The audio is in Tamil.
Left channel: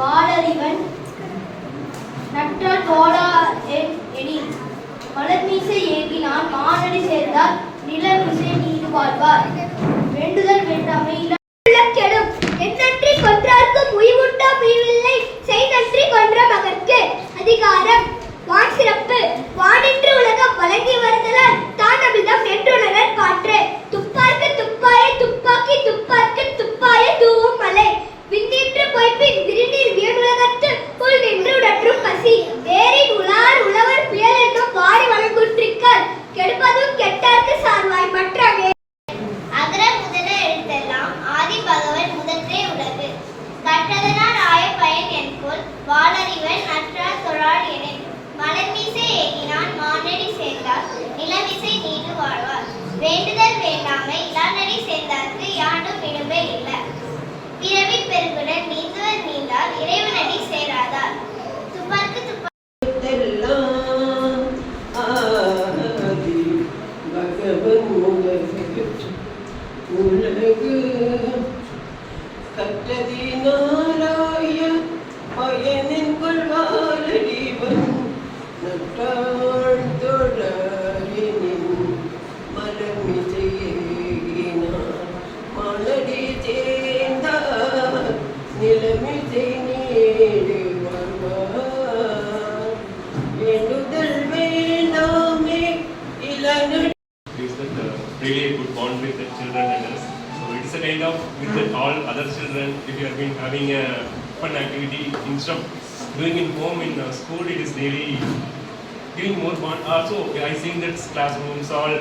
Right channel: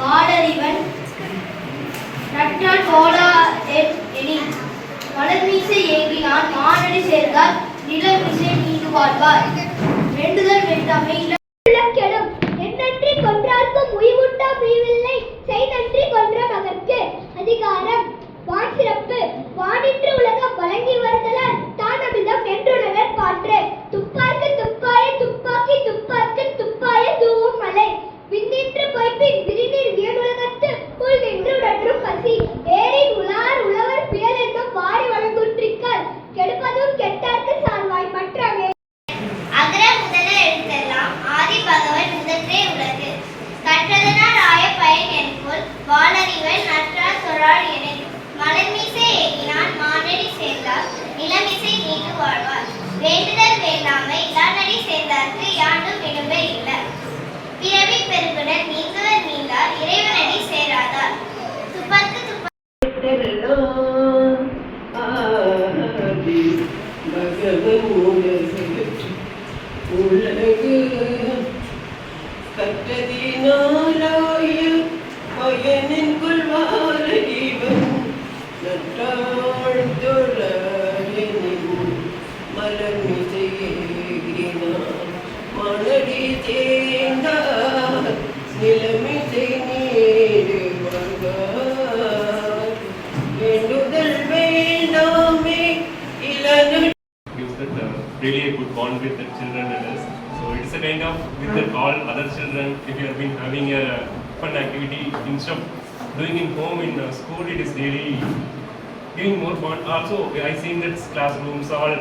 வாளறிவன் நற்றான் போலா எனின் மலர்மீசை ஏகினான் மானடி சேர்ந்தால் நிலமிசை நீடு வாழ்வார். வேண்டுதல் வேண்டாமை கெடும் எந்நன்றி கொன்றார்க்கும் உய்வுண்டா உய்வில்லை செய் நன்றி கொன்ற மகற்கு. அதிகாரம் வான் சிறப்பு. வானின்று உலகம் வழங்கி வருதலால் தான் அமிர்தம் என்றுணரற் பாற்று. துப்பார்க்கு துப்பாய துப்பாக்கி துப்பார்க்கு துப்பாய தூவும் மலை. விண்ணின்று பொய்ப்பின் விரிநீர் வியனுலகத்து உள் நின்று உடற்றும் பசி. வேரின் உளார் உழவர் புயல் என்னும் வாரி வழங்குற்றிக்கால் கெடுப்பதும் கெட்டார்க்கு சார்வாய் மற்றவே. அகர முதல எழுத்தெல்லாம் ஆதி பகவன் முதற்றே உலகு. கற்றதனால் ஆய பயன் என்போல் வாளறிவன் நற்றான் தொழாள் என மலர்மீசை ஏகினான் மானடி சேர்ந்தார் நிலமிசை நீடு வாழ்வார். வேண்டுதல் வேண்டாமை இலானடி சேர்ந்தார்க்கு யாண்டும் இடும்பை இல்லை. பிறவி பெருங்குடன் நீங்குவர் நீந்தார் இறைவனடி சேராதார். துப்பர்க்கு உலகு கற்றதினாலாய பயனின் கொள்வாளறிவன் நற்றாள் தொழாயெனின் மலர்மிசை ஏகினான் மானடி சேர்ந்தார் நிலமிசை நீடு வாழ்வார். வேண்டுதல் வேண்டாமே இளநடி gives that really a good bond with the children and us. So it is a kind of with the all other children. If you have been having a fun activity instead of doing in home in school, it is really giving more bond. Also, I seen that classrooms all